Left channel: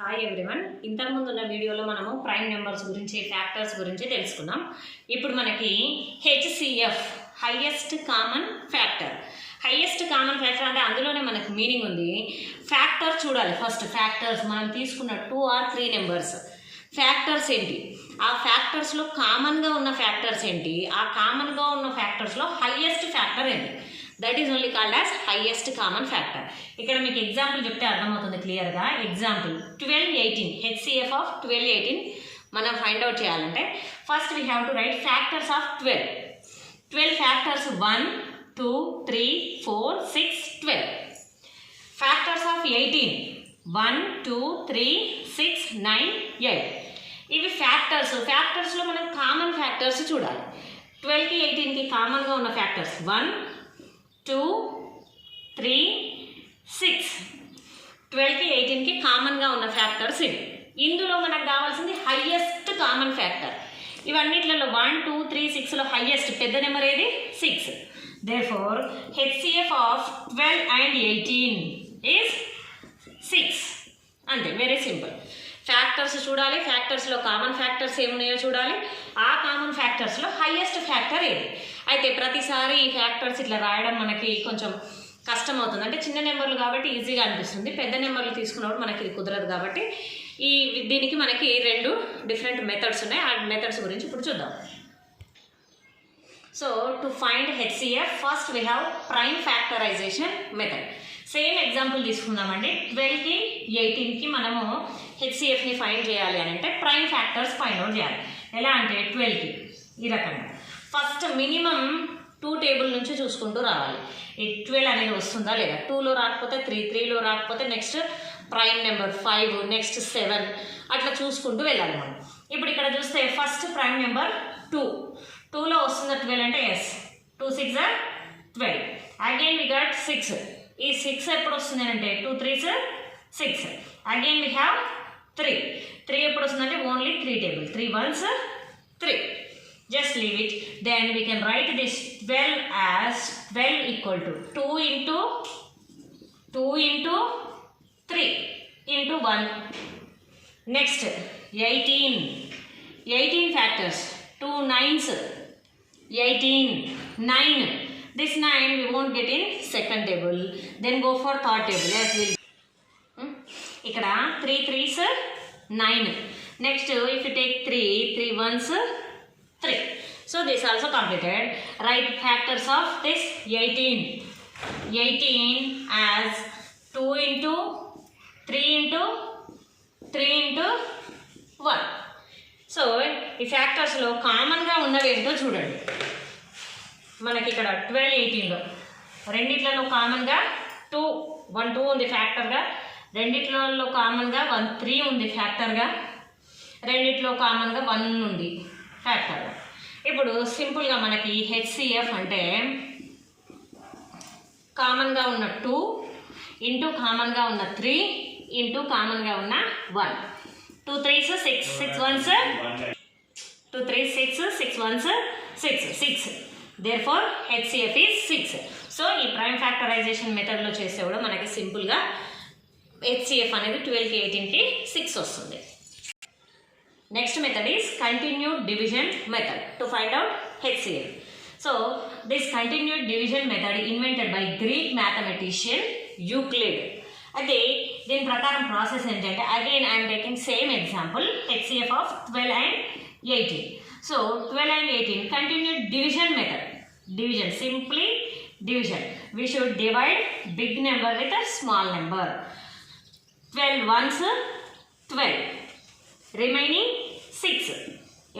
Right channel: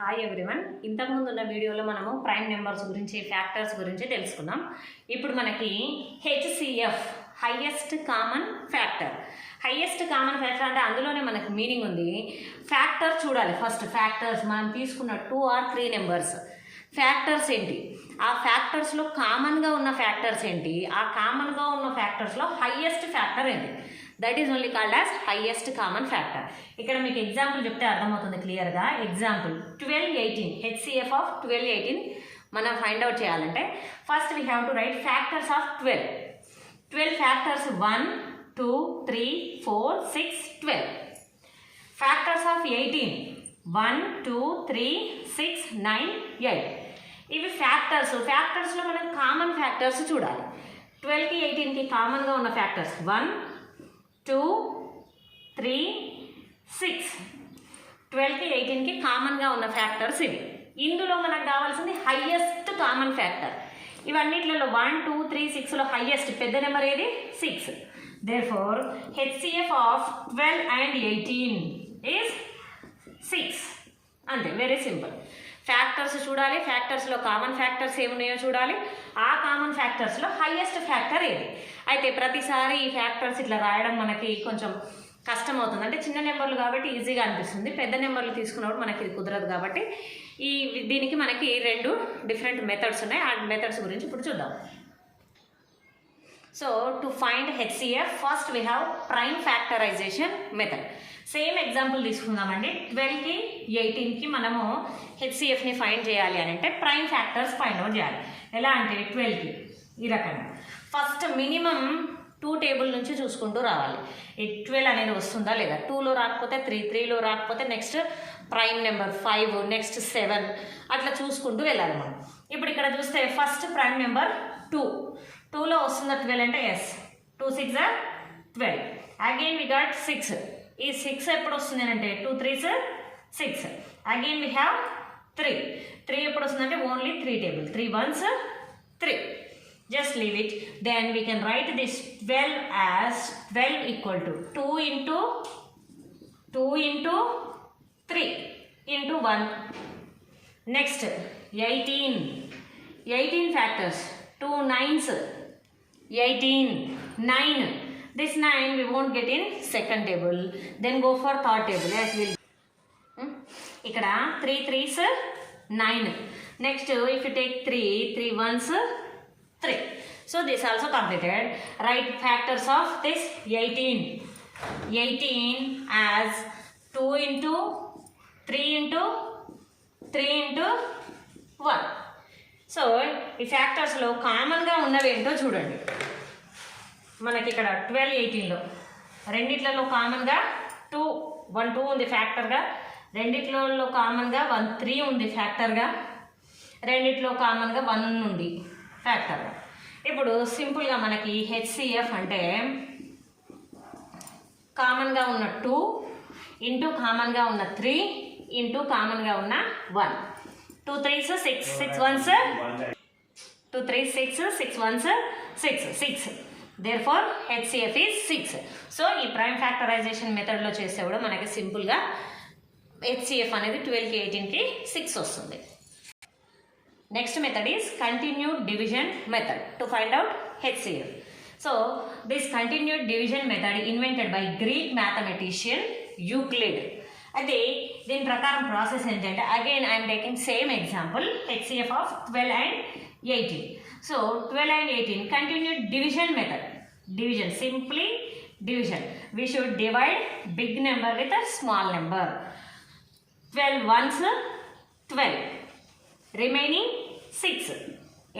Hi everyone, ఇంతకుముందు ఉన్న వీడియోలో మనము ప్రైమ్ నెంబర్స్ గురించి ఫ్యాక్టర్స్ గురించి తెలుసుకున్నాం. ఇప్పుడు మనకి HCF highest common factor. Highest common factor అంటే అందులోనే మనకు మీనింగ్ ఉంది. ఫ్యాక్టర్ చూడాలి. ఫస్ట్ ఫ్యాక్టర్స్ మనం తీసుకున్న 2 or 3 నెంబర్స్ ఫ్యాక్టర్స్ ఏంటి, ఆ ఫ్యాక్టర్స్లో కామన్గా ఉన్న ఫ్యాక్టర్స్ ఏంటి, ఆ కామన్గా ఉన్న ఫ్యాక్టర్స్లో హైయెస్ట్ ఫ్యాక్టర్ ఏంటి, that is only called as highest common factor. ఇక్కడ మీకు ఎగ్జాంపుల్ చెప్తే అర్థమవుతుంది క్లియర్గా. ఎగ్జాంపుల్ 12, 18 హెచ్సిఎఫ్ ఆఫ్ 12, 18 మనం ఫైండ్ అవుట్ చేయాలంటే first we have to right factors of 12 ఫ్యాక్టర్స్ 1, 2, 3, 4, 6, 12. Factors of 18 1, 2, 3, 6, 9, 8. ఇవి ఫ్యాక్టర్స్లో మనం కామన్ ఫ్యాక్టర్స్ చూడాలి. 12కి 18కి కామన్గా ఉన్న ఫ్యాక్టర్స్ 1, 2, 3, 6. 12కి 18కి కామన్గా ఉన్న ఫ్యాక్టర్స్ ఇవి. ఇందులో మనకు కావాల్సింది హైయెస్ట్ కామన్ ఫ్యాక్టర్. ఇవన్నిట్లలో 1, 2, 3, 6లో హైయెస్ట్ పెద్ద నెంబర్ ఏది? 6. దేర్ఫోర్ హెచ్సిఎఫ్ ఆఫ్ 12 and 18 ఈజ్ 6. అంతే, వెరీ సింపుల్. ఫ్యాక్టర్స్ చూడాలి, ఫ్యాక్టర్స్లో కామన్ ఫ్యాక్టర్స్ ఏమున్నాయో చూడాలి, ఆ కామన్ ఫ్యాక్టర్స్లో హైయెస్ట్ ఫ్యాక్టర్ ఏది. అయితే ప్రతిసారి ఈ ఫ్యాక్టర్స్ ఇట్లా రాయడం మనకి కొంచెం కష్టం అవుతుంది. అంటే చిన్న నెంబర్లు కాబట్టి ఈజీగా అనిపిస్తుంది, పెద్ద నెంబర్లు తీసుకున్నప్పుడు మనకి ఇది కుదరదు. కాబట్టి దీనికి మనకి 2 డిఫరెంట్ మెథడ్స్ ఉన్నాయి. ఆ మెథడ్స్ గురించి ఇప్పుడు చూద్దాం. So to find HCF first we have prime factorization method. Same example తీసుకుందామండి. 12కి 18కి మనము హెచ్సిఎఫ్ని ఫైండ్ చేయాలి అని అంటే ప్రైమ్ ఫ్యాక్టర్స్ ఫైండ్ అవుట్ చేయాలి. ఎలా అంటే 12కి ఈ రకంగా ఫస్ట్ మినిమం 2 టేబుల్ నుంచి చూసుకుంటూ రావాలి. ఈ 12 అనేది వస్తుందా లేదా, 2లో రాకపోతే 3, 3లో రాకపోతే నెక్స్ట్ ప్రైమ్ నెంబర్ 5, నెక్స్ట్ 7 అట్లా చూసుకుంటూ వెళ్ళాలి మనం. ఇప్పుడు ఇక్కడ చూస్తే ఫస్ట్ ప్రైమ్ నెంబర్ 2లో వస్తుందా 12 అంటే ఎస్, 2 6 12. Again we gut 6. ఈ 6 ఎప్పుడు వస్తుంది అంటే 2 3s 6. అగైన్ వి హ్యావ్ 3 ఎప్పుడు వస్తుందంటే ఓన్లీ 3 టేబుల్, 3 1s 3. Just leave it. Then we can write this 12 as 12 equal to 2 into 3 into 1. Next 18 factors, 2 9s 18, 9. This 9 we won't get in second table, then go for third table as will. Ikkada 3 3s 9. Next if you take 3 1s 3. So this also completed. Write factors of this 18 as 2 into 3 into 3 into 1. సో ఈ ఫ్యాక్టర్స్లో కామన్గా ఉన్నవి ఏంటో చూడండి. మనకి ఇక్కడ 12 18లో రెండిట్లలో కామన్గా 2 1 2 ఉంది ఫ్యాక్టర్గా, రెండిట్లలో కామన్గా 1 3 ఉంది ఫ్యాక్టర్గా, రెండిట్లో కామన్గా 1 ఉంది ఫ్యాక్టర్గా. ఇప్పుడు సింపుల్గా మనకి హెచ్సిఎఫ్ అంటే కామన్గా ఉన్న 2 ఇంటూ కామన్గా ఉన్న 3 ఇంటూ కామన్గా ఉన్న 1. 2 3s 6, 6 1s 2 3 6, 6 1s 6. Therefore HCF is 6. సో ఈ ప్రైమ్ ఫ్యాక్టరైజేషన్ మెథడ్లో చేస్తే కూడా మనకి సింపుల్గా HCF అనేది 12కి 18కి 6 వస్తుంది. Next method is continued division method to find out HCF. So this continued division method invented by Greek mathematician Euclid. అదే దీని ప్రకారం ప్రాసెస్ ఏంటంటే again I'm taking same example HCF of 12 and 18. సో 12 and 18 continued division method. Division, simply division. We should divide big number with a small number. 12 ones 12. Remaining 6.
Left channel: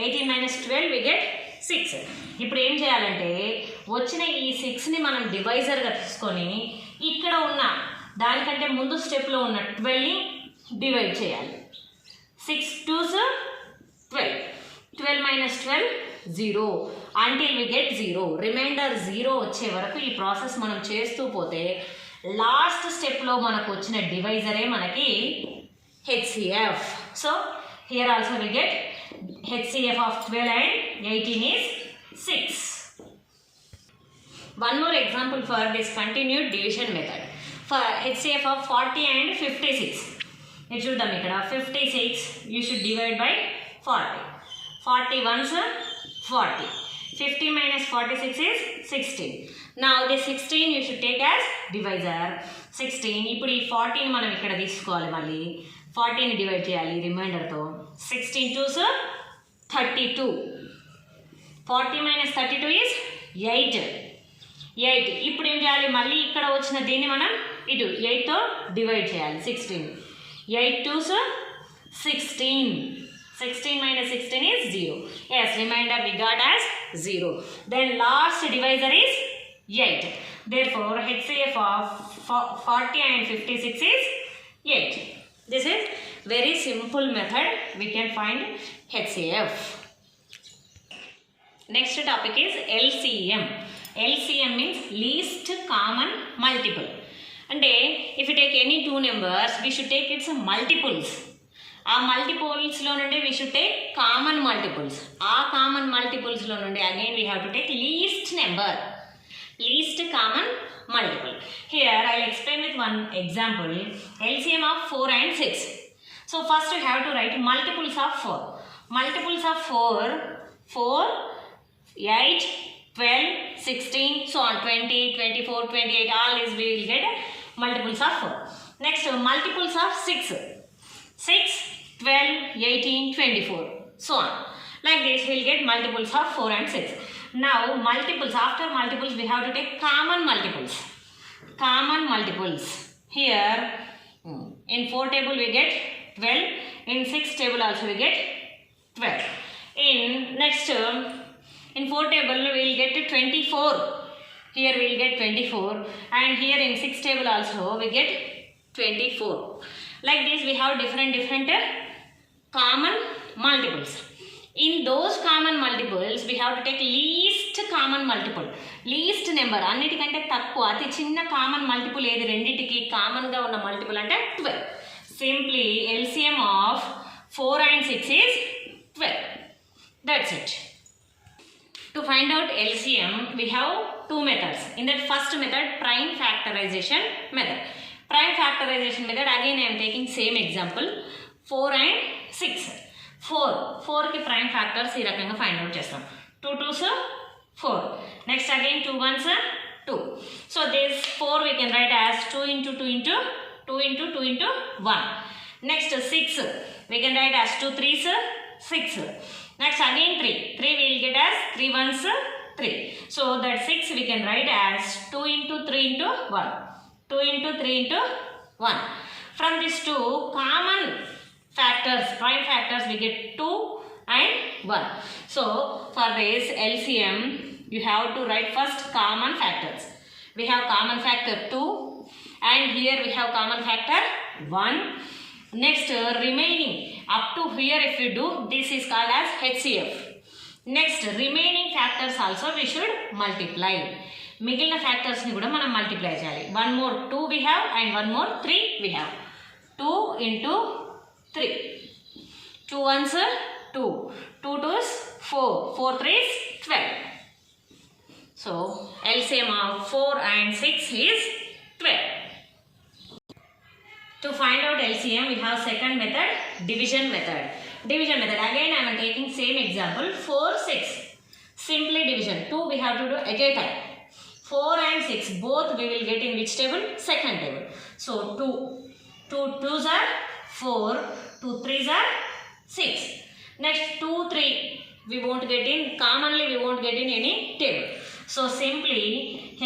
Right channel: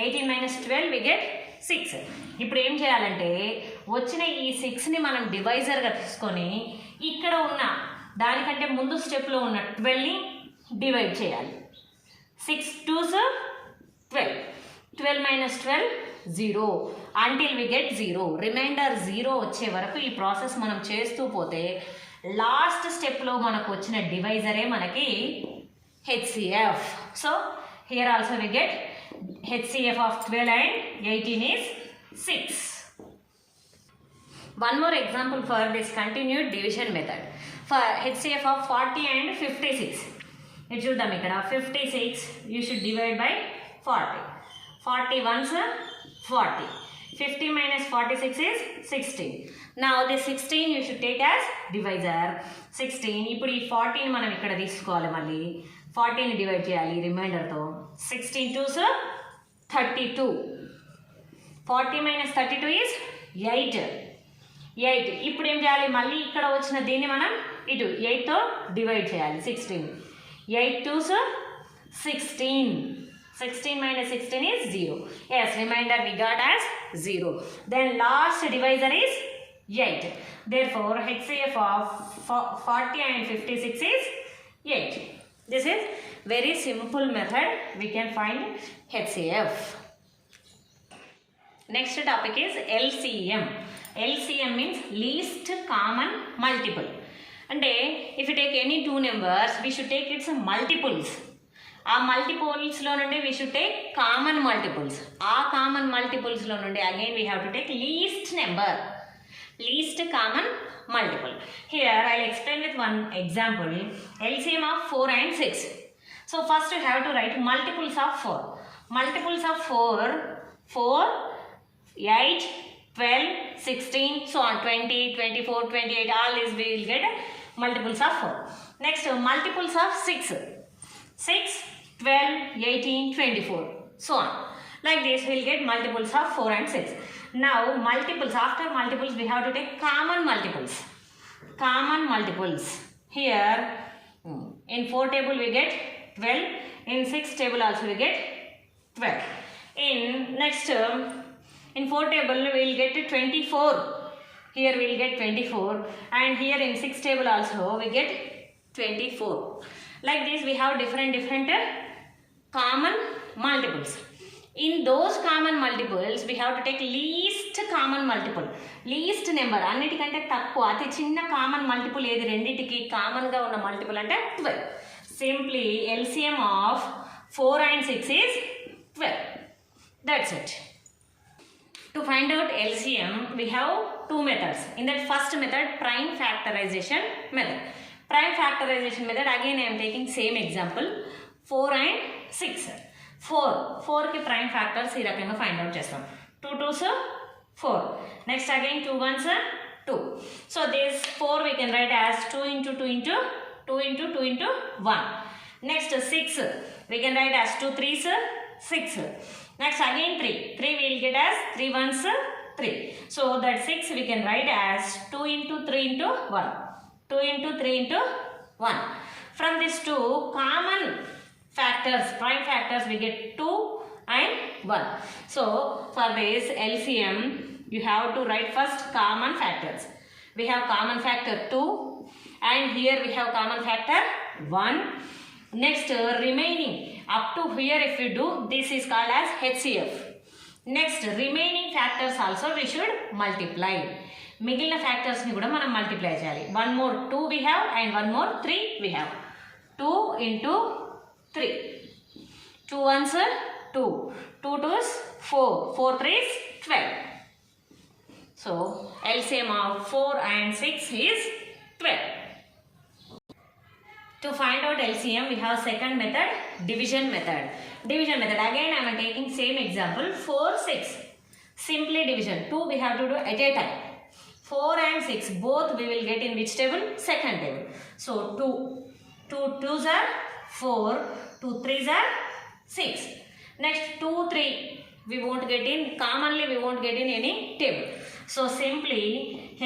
18 minus 12 we get 6. ఇప్పుడు ఏం చేయాలంటే వచ్చిన ఈ 6ని మనం డివైజర్గా తీసుకొని ఇక్కడ ఉన్న దానికంటే ముందు స్టెప్లో ఉన్న 12ని డివైడ్ చేయాలి. 6 2s 12. 12 minus 12 0 until we get 0. రిమైండర్ 0 వచ్చే వరకు ఈ ప్రాసెస్ మనం చేస్తూ పోతే లాస్ట్ స్టెప్లో మనకు వచ్చిన డివైజరే మనకి HCF. So here also we get HCF of 12 and 18 is 6. One more example for this continued division method. For HCF of 40 and 56. ఇది చూద్దాం ఇక్కడ 56 you should divide by 40. 40 ones 40. 50 minus 46 is 16. Now this 16 you should take as divisor. 16 ఇప్పుడు ఈ 40 మనం ఇక్కడ తీసుకోవాలి, మళ్ళీ 40 ని డివైడ్ చేయాలి రిమైండర్తో. 16 2s 32. 40 minus 32 is 8. ఇప్పుడు ఏం చేయాలి, మళ్ళీ ఇక్కడ వచ్చిన దీన్ని మనం ఇటు 8తో డివైడ్ చేయాలి. 16 8 2s 16. 16 minus 16 is 0. Yes, remainder we got as 0. Then last divisor is 8. Therefore, HCF of 40 and 56 is 8. This is very simple method. We can find HCF. Next topic is LCM. LCM means least common multiple. And if you take any two numbers, we should take its multiples. ఆ మల్టిపుల్స్లో నుండి we should take common multiples. ఆ కామన్ మల్టిపుల్స్లో నుండి again we have to take least number, least common multiple. Here I will explain with one example. LCM of 4 and 6. So first we have to write multiples of 4. Multiples of 4, 8, 12, 16, so on, 20, 24, 28, all these we will get multiples of 4. Next multiples of 6. 6, 12, 18, 24, so on. Like this we will get multiples of 4 and 6. Now multiples, after multiples we have to take common multiples. Common multiples. Here in 4 table we get 12, in 6 table also we get 12. In next in 4 table we will get 24. Here we will get 24, and here in 6 table also we get 24. Like this we have different common multiples. In those common multiples we have to take least common multiple, least number, అన్నిటికంటే తక్కువ అతి చిన్న common multiple ఏది, రెండింటికి కామన్గా ఉన్న మల్టిపుల్ అంటే 12. Simply LCM of 4 and 6 is 12. That's it. To find out LCM we have two methods. In that first method, prime factorization method. Prime factorization method, again I am taking same example, 4 and 6. 4 की prime factors ఈ రకంగా find out చేస్తాం. 2 2s 4. Next again 2 1s 2. So this 4 we can write as 2 into 2 into 2 into 2 into 1. Next 6 we can write as 2 3s 6. Next again 3 we will get as 3 1s 3. So that 6 we can write as 2 into 3 into 1. 2 into 3 into 1. From these two common factors, prime factors, we get 2 and 1. So for this LCM you have to write first common factors. We have common factor 2, and here we have common factor 1. Next remaining up to here if we do, this is called as HCF. Next remaining factors also we should multiply. మిగిలిన ఫ్యాక్టర్స్ని కూడా మనం మల్టిప్లై చేయాలి. 1 more 2 we have, and 1 more 3 we have. 2 into 3. 2 1s 2. 2 2s 4. 4 3s 12. So LCM of 4 and 6 is 12. To find out LCM we have second method, division method. Division method, again I am taking same example, 4 6. Simply division. 2 we have to do at a time. 4 and 6 both we will get in which table? Second table. So 2 2s are 4, 2 3s are 6. Next 2 3 we won't get in, commonly we won't get in any table. So simply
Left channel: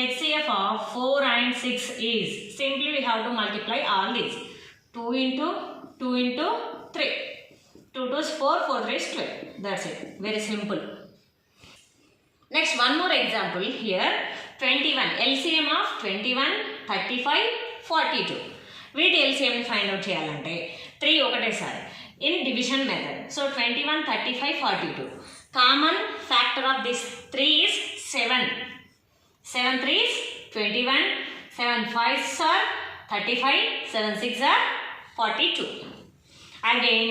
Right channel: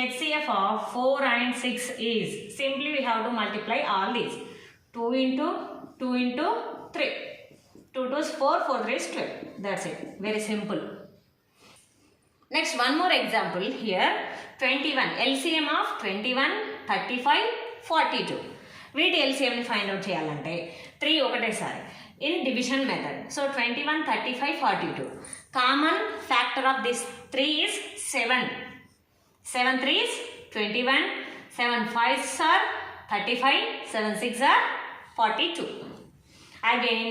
HCF of 4 and 6 is, simply we have to multiply all these. 2 into 2 into 3. 2 2s 4, 4 3s 12. That's it. Very simple. Next one more example here. 21. LCM of 21, 35, 42. వీటి LCM ని find out చేయాలంటే 3 ఒకటేసారి in division method. So 21, 35, 42. Common factor of this 3 is 7. 7 3s 21, 7 5s are 35, 7 6s are 42. Again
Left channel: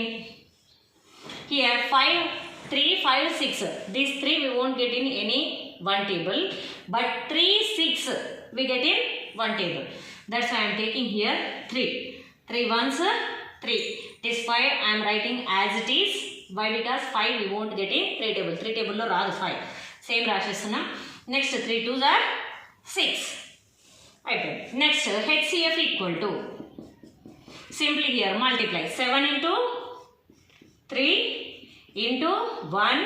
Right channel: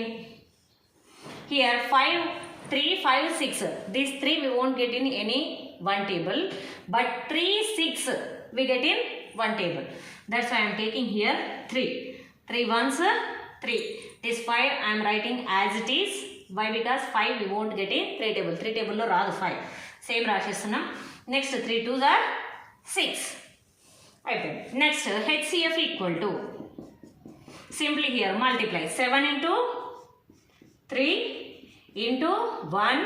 here 5 3 5 6. These 3 we won't get in any one table, but 3 6 we get in one table. That's why I am taking here 3. 3 1s 3. This 5 I am writing as it is. Why? Because 5 we won't get in 3 table. 3 table lo raadu 5. Same రాసేస్తున్నాం. Next 3 2s are 6. అయిపోయింది. Next HCF equal to, simply here multiply 7 into 3 into 1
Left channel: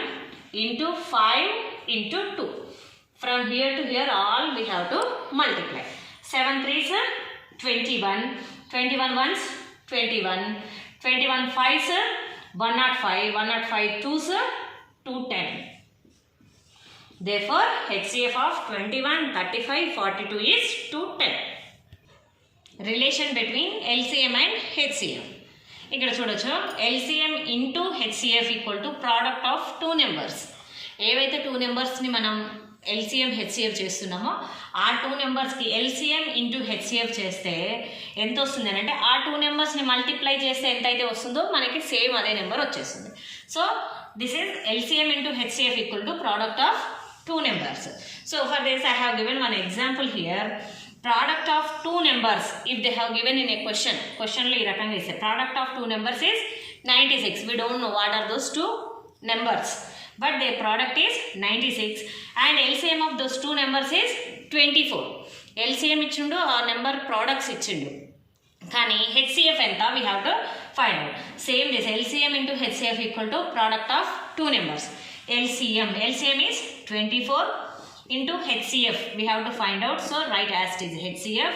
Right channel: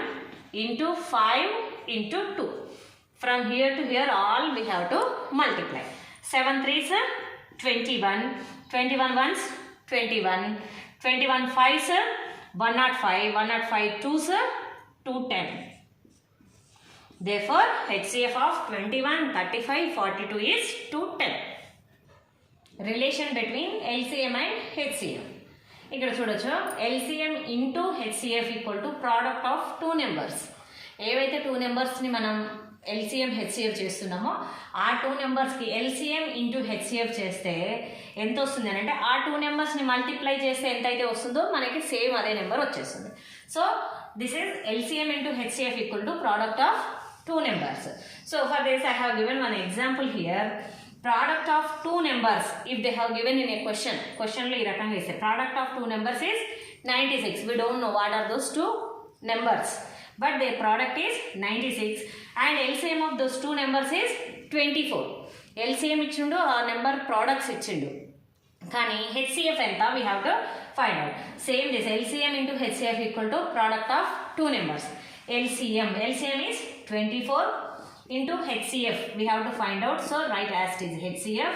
into 5 into 2. From here to here all we have to multiply. 7 3s 21, 21 1s 21, 21 5s 105, 105 2s 210. Therefore HCF of 21, 35, 42 is 210. Relation between LCM and HCF. ఇక్కడ చూడొచ్చు, LCM into HCF equal to product of two numbers. ఏవైతే టూ నెంబర్స్ని మనం LCM HCF చేస్తున్నామో ఆ టూ నెంబర్స్కి LCM into HCF చేస్తే ఎంత వస్తుంది అని అంటే, ఆ టూ నెంబర్స్ని మల్టిప్లై చేస్తే ఎంత అయితే వస్తుందో మనకి సేమ్ అదే నెంబర్ వచ్చేస్తుంది. So this is LCM into HCF equal to product of two numbers. So for this I have given one example here. Product of two numbers, if they have given in a question lo ee rakanga isse product of two numbers is 96. We don't know what are those two numbers, but their product is 96 and LCM of those two numbers is 24. LCM ఇచ్చిండు, ఆ number products ఇచ్చిండు, కానీ HCF ఎంత we have to find out. Same this LCM into HCF equal to product of two numbers. LCM is 24 into HCF we have to find out. So write as it is HCF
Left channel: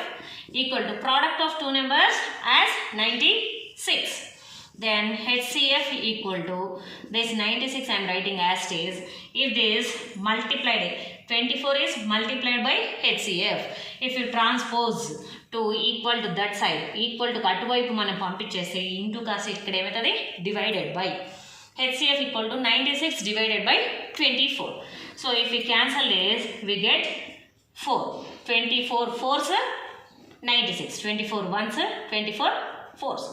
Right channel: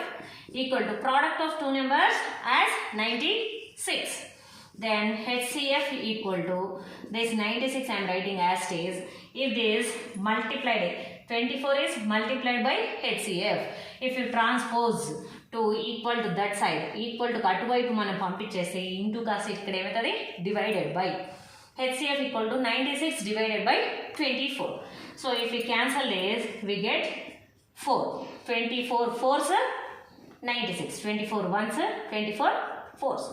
equal to product of two numbers as 96. Then HCF equal to this 96 I am writing as it is. If this multiplied, 24 is multiplied by HCF. If you transpose to equal to that side, equal to అటువైపు మనం పంపించేస్తే ఇంటూ కాసి ఇక్కడ ఏమవుతుంది divided by. HCF equal to 96 divided by 24. So if we cancel this, we get 4. 24 4s 96. 24 1s 24 4s.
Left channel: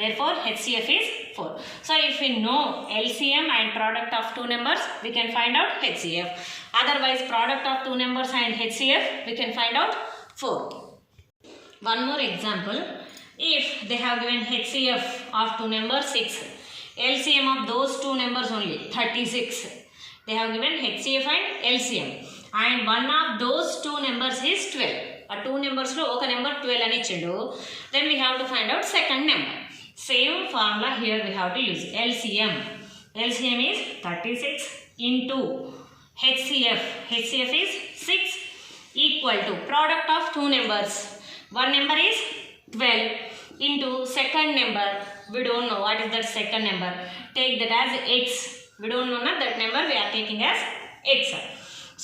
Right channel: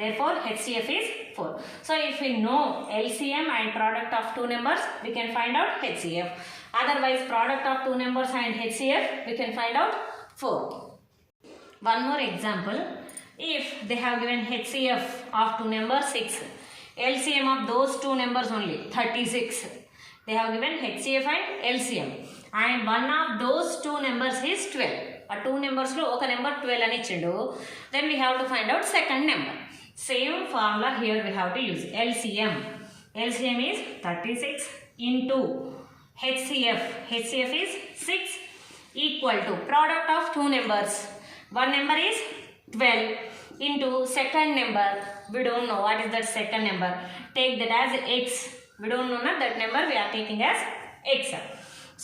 Therefore HCF is 4. So if we know LCM and product of two numbers, we can find out HCF. Otherwise product of two numbers and HCF, we can find out 4. One more example. If they have given HCF of two numbers 6, LCM of those two numbers only 36. They have given HCF and LCM, and one of those two numbers is 12. A two numbers lo oka number 12 ani ichhindu. Then we have to find out second number. Same formula here we have to use. LCM is 36 into HCF is 6 equal to product of two numbers. One number is 12 into second number. We don't know what is that second number. Take that as x. We don't know that number, we are taking as x.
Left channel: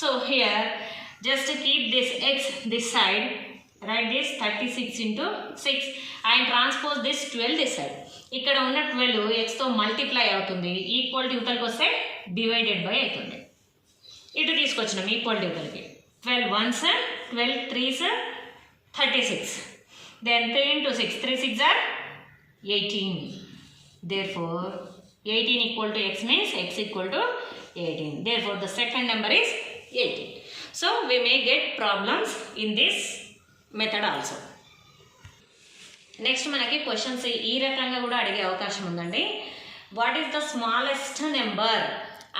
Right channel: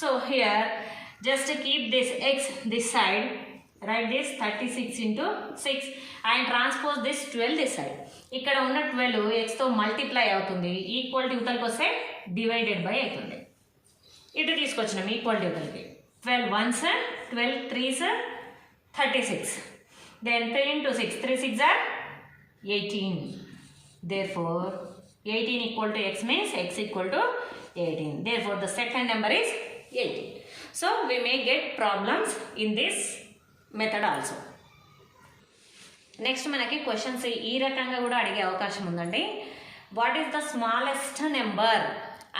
So here just to keep this x this side, write this 36 into 6 and transpose this 12 this side. ikkada unna 12 x తో మల్టిప్లై అవుతుంది, ఈక్వల్ యూతల్కి వస్తే divided by అవుతుంది. ఇటు తీసుకొచ్చినాం ఈక్వల్ యూతల్కి. 12 1s 12 3s 36. Then 3 into 6, 3 6 are 18. Therefore 18 equal to x means x equal to 18. Therefore the second number is 18. So we may get problems in this method also. Next manaki questions ee rakanga kuda adige avakasham undandi. What is the smallest number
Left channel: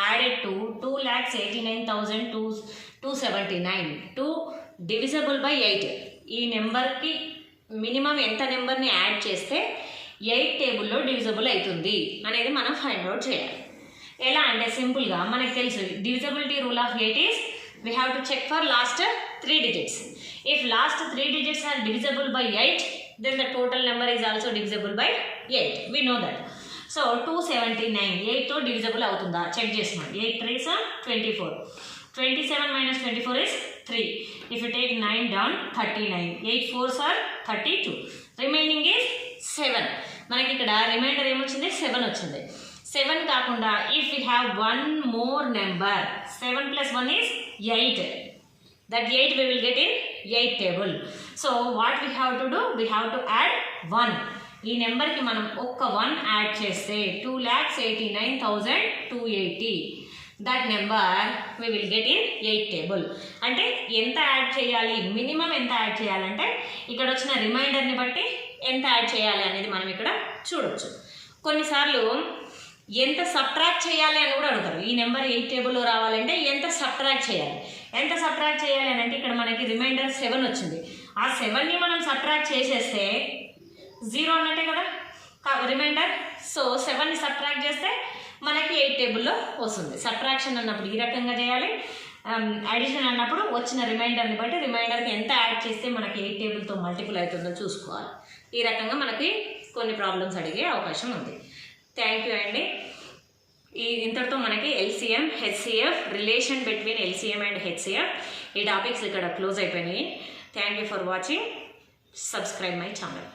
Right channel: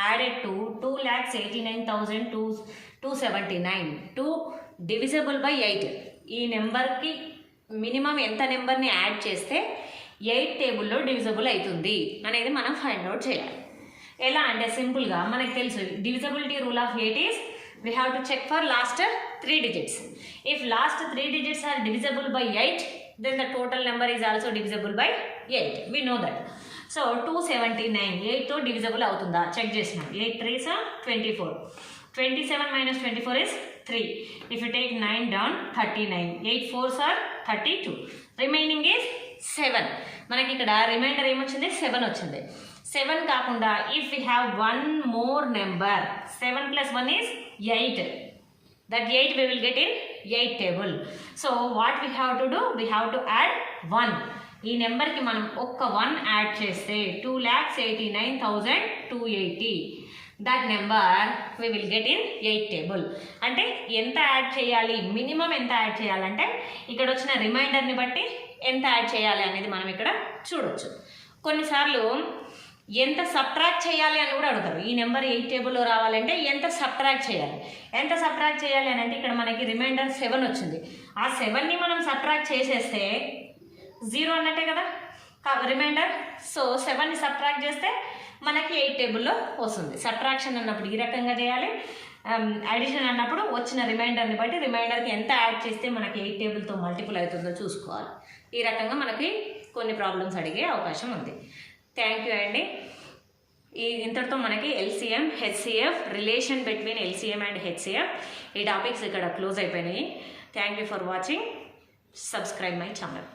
added to 2,89,279 to divisible by 8? ఈ నెంబర్కి మినిమం ఎంత నెంబర్ని యాడ్ చేస్తే 8 టేబుల్లో డివిజబుల్ అవుతుంది అనేది మనం find out చేయాలి. ఎలా అంటే సింపుల్గా మనకు తెలుసు divisibility rule of 8 is we have to check for last 3 digits. If last 3 digits are divisible by 8, then the total number is also divisible by 8. We know that. So 279 8తో డివిజబుల్ అవుతుందా చెక్ చేసినాం. 8 3s 24. 27 minus 24 is 3. If you take 9 down, 39. 8 4s are 32. Remaining is 7. మనకి ఇక్కడ రిమైండర్ ఏమొచ్చింది 7 వచ్చింది. 7 కాకుండా if we have one more number, 7 plus 1 is 8. That 8 we will get in 8 table. So what we have to do? We have to add 1. ఈ నెంబర్కి మనం ఒక్క 1 యాడ్ చేస్తే 2,89,280. That number we will get in 8 table. అంటే ఎంత యాడ్ చేయాలి, మినిమం ఎంత యాడ్ చేయాలంటే ఇక్కడ వచ్చిన రిమైండర్ని బట్టి ఎంత యాడ్ చేయాలి అనేది మనం ఇక్కడ చూడొచ్చు. కొన్నిసార్లు ఎంత సబ్ట్రాక్ట్ చేయాలి అని కూడా అడుగుతారు. ఈ నెంబర్ 8 టేబుల్లో రావాలంటే ఎంత సబ్ట్రాక్ట్ చేయాలి అని అంటే ఇక్కడ మనకి రిమైండర్ 7 వచ్చింది. ఆ 7ని మనం సబ్ట్రాక్ట్ చేసేస్తే 0 అన్నట్టే కదా రిమైండర్. సో 7ని సబ్ట్రాక్ట్ చేస్తే మనకి 8 టేబుల్లో వస్తుంది. సబ్ట్రాక్షన్ అన్నప్పుడు ఈ రకంగా చేయాలి, అడిషన్ అన్నప్పుడు వచ్చిన రిమైండర్ని బట్టి రిమైండర్కి ఎంత యాడ్ చేస్తే మనకి 8 టేబుల్తో మల్టిపుల్ అవుతుందో చూసుకోవాలి. ఈ రకంగా మనకి కొన్ని ప్రాబ్లమ్స్ అడిగే అవకాశం ఉంది. థ్యాంక్ యూ అండి. ఇంతటితో మనకి LCM, HCF, relation between LCM and HCF ఈ టాపిక్స్ ఇక్కడ క్లోజ్ అయిపోయినాయి. Thank you for watching. Subscribe my channel.